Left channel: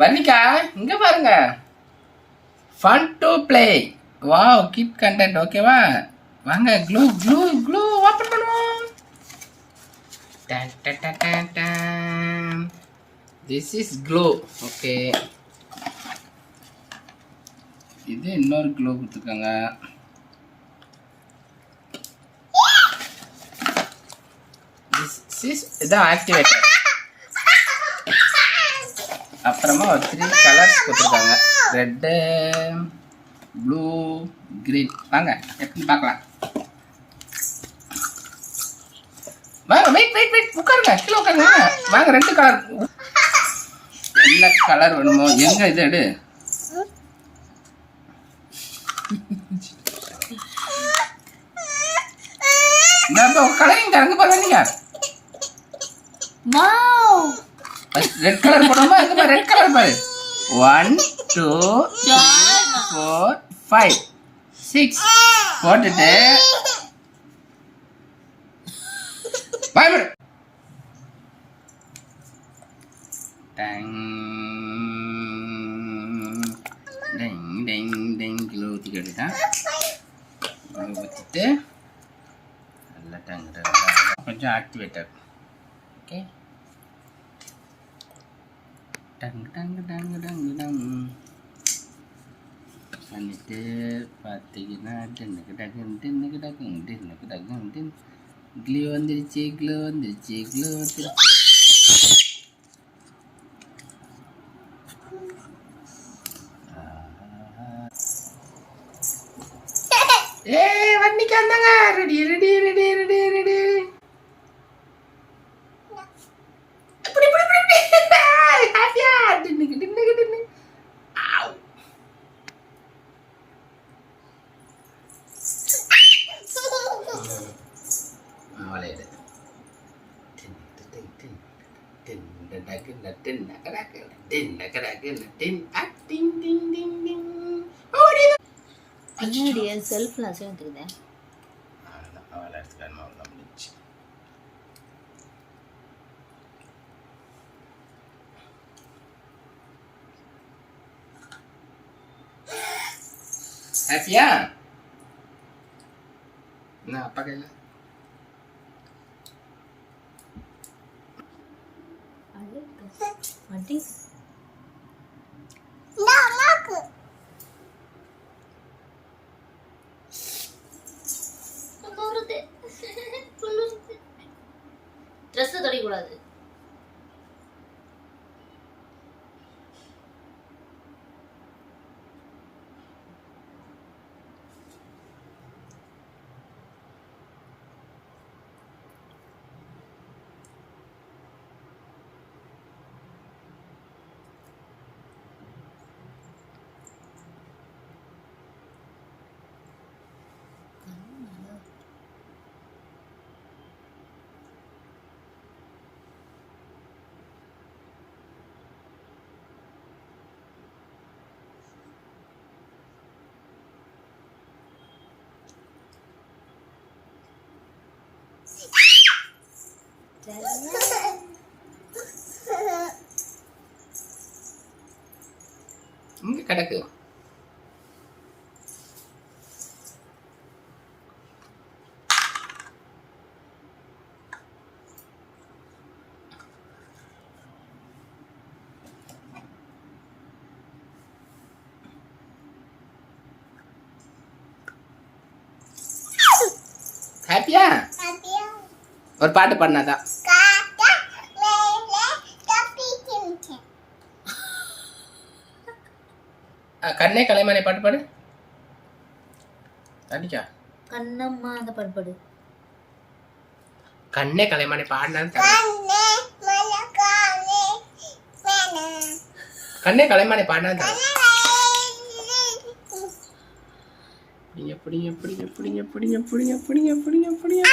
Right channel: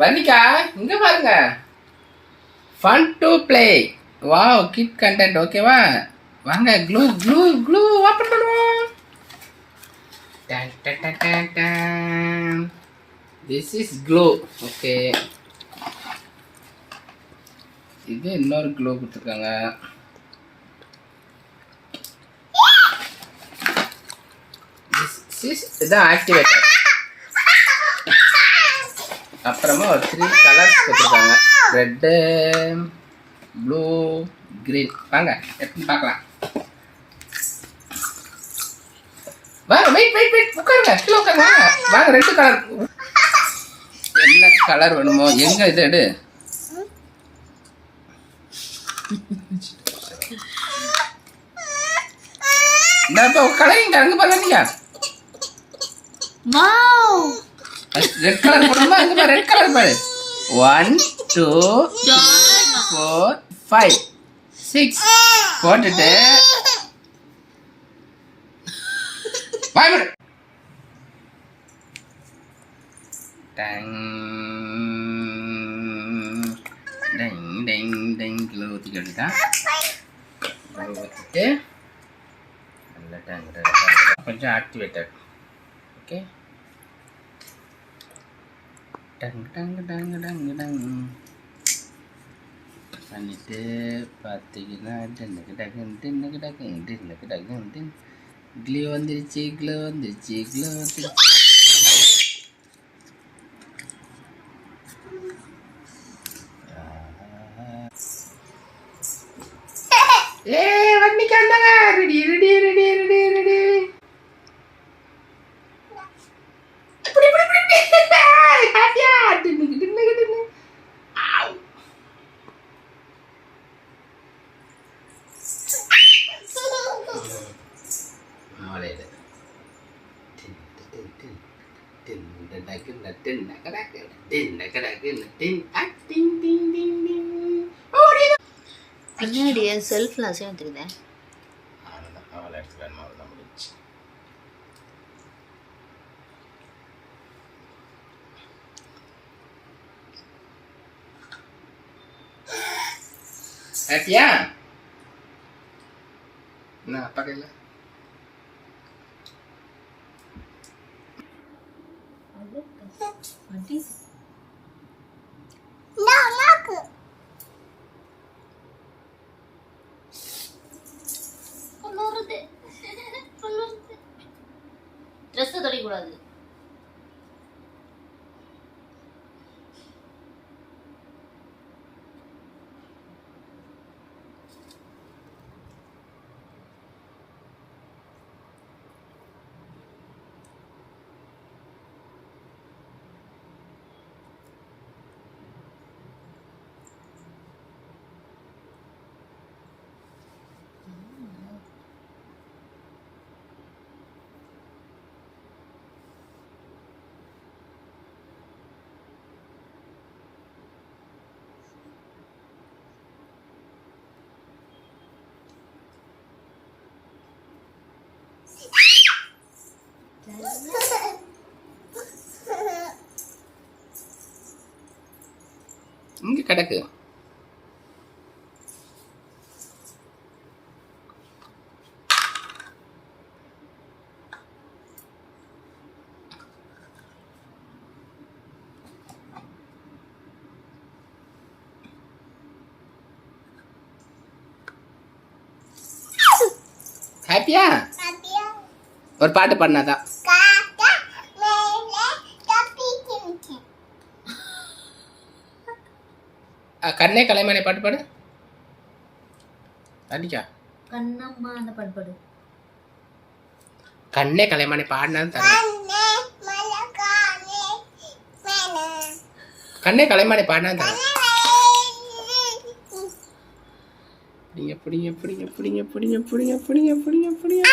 வர்ணிகா இங்க பாருங்க. Fun to play. Wow, kid content. ஓகேவா? வாங்க க்ளூ க்ளூ க்ளூ ஓபன் பண்ணுவோம். டன் டன் டன் டன் டன். This is clue. ஓகே, இது இன்னொரு க்ளூ கொடுத்துருக்காங்க. இதான் ஆக்டிவேட்டர். அப்புறமா ஒரு 3 கலர்ஸ் கொடுத்துருக்காங்க. Red, blue, green. வாங்க எப்படி பார்க்கலாம். வாங்க, வெயிட் வெயிட் வெயிட், உட்காருங்க, கீழே உட்காருங்க. வாங்க, 2 கலர். என்ன கலர் வேணுமோ? எங்க இது எடு. கலரிங் அங்க பாருங்க. வாவ், ரெட் கலர் போடுமா? இங்க ரெட் கலர் பாரு. 1 2 3 4 5 6 போட்டுட்டு பாய் பாய். டங் டங் டங் டங் க்ளூ ஊத்திக்கிட்டா. க்ளூ ஊத்திட்டு நல்ல டங் கொஞ்சம் ஆக்டிவேட்டட். ஓகே, டங் டங் டங் டங் டங் பண்ணிட்டு பார்த்தீங்கன்னா டென்னுக்கு டக்கு டென்னுக்கு டக்கு டென்னுக்கு டக்கு டென். க்ளூ வந்துருச்சு, க்ளூ வந்துருச்சு, க்ளூ வந்துருச்சு. ஏ வர்ணிகா வந்தாங்க. Ready ready ready ready ready. ஹாப்பியா டின்னுக்கு டின்னுக்கு டின்னு. ஆவ், அவளையில டின் டின் டின் டின் டக்கு டின் டக்கு டின் டக்கு டின் டின் டின் டின் டின். ஓடி பின்னாடி செல்ஃப்ல அசையும் தெரியுதே. அவளை எடுத்துக்கணும். அவ்வளோதான் முடிச்சு. ஹாப்பியா? என்ன அப்பா கையில் ட்ரெஸ் தொடைக்கூடாது. இங்கே கிடக்கு. ஹாப்பியா? ஒரு பாட்டு பாடினாதான். கண்ணே கலைமணி பாட்டு பாடு. அடிக்கா கண்ணம்மா அந்த பாட்டு பாடு. கண்ணே கலைமணி பாடினான்னு தரேன். கண்ணே கலைமணி பாடினான்னு தரேன். எப்படிங்க எப்படிங்க எப்படிங்க எப்படிங்க எப்படிங்க எப்படிங்க எப்படிங்க எப்படிங்க